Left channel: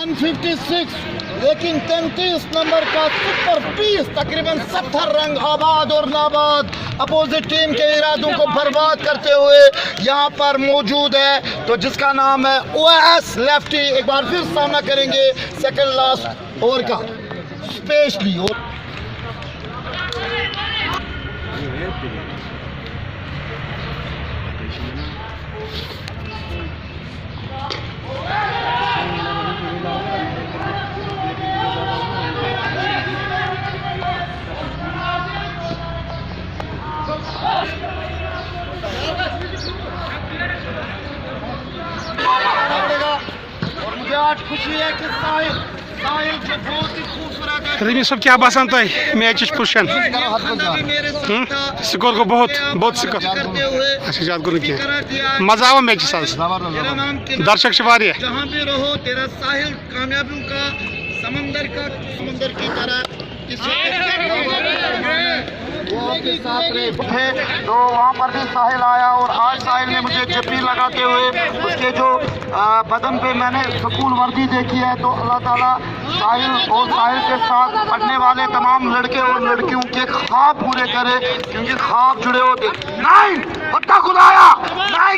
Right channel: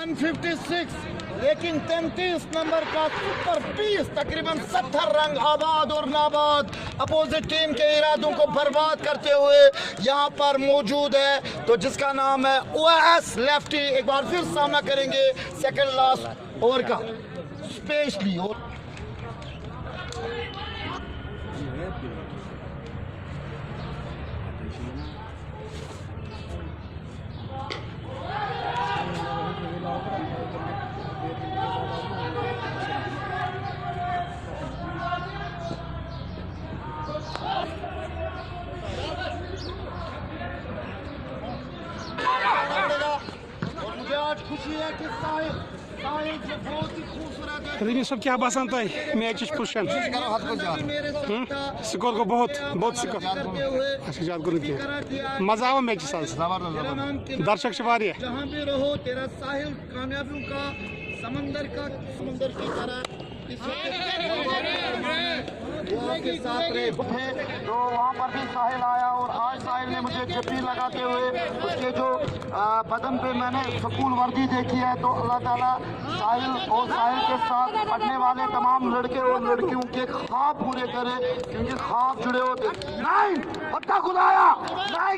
156, लेकिन 33 नंबर का super piece तकरीबन 70 रंग आबाद और नाबाद अपोजिट टीम के इरादों को बर्बाद करते हुए यहाँ पर मौजूद है, तो जिसका नाम है ओएस लेफ्टी। एक बार फिर सामना करेंगे सेकंड लास्ट ओवर का स्पेशली। और मुझे आज खुशी है कि साहिल जो बहुत ही खूबसूरत है। रमी सब क्या बसान तुम मैच पोजिशन स्कोर को बहुत स्कोर अच्छा ज्यादा गो मजा आवा मैच दर्शक जहाँ भी रहो तेरा साहिल कामयाबियों का समंदर की तरह तो वहाँ पर भी साहिल आया और आज साहिल ने मुझे जप्पी लगाते हुए उसके जो बदन पे मैंने सुकून वर्दी देखी है, तो अल्लाह ताला साहिल और साहिल के साथ पढ़ने वाले तमाम लड़के और लड़कियों के ख्वाब पूरे करे, क्योंकि ख्वाब जुड़े होते। 9 खुदाया 9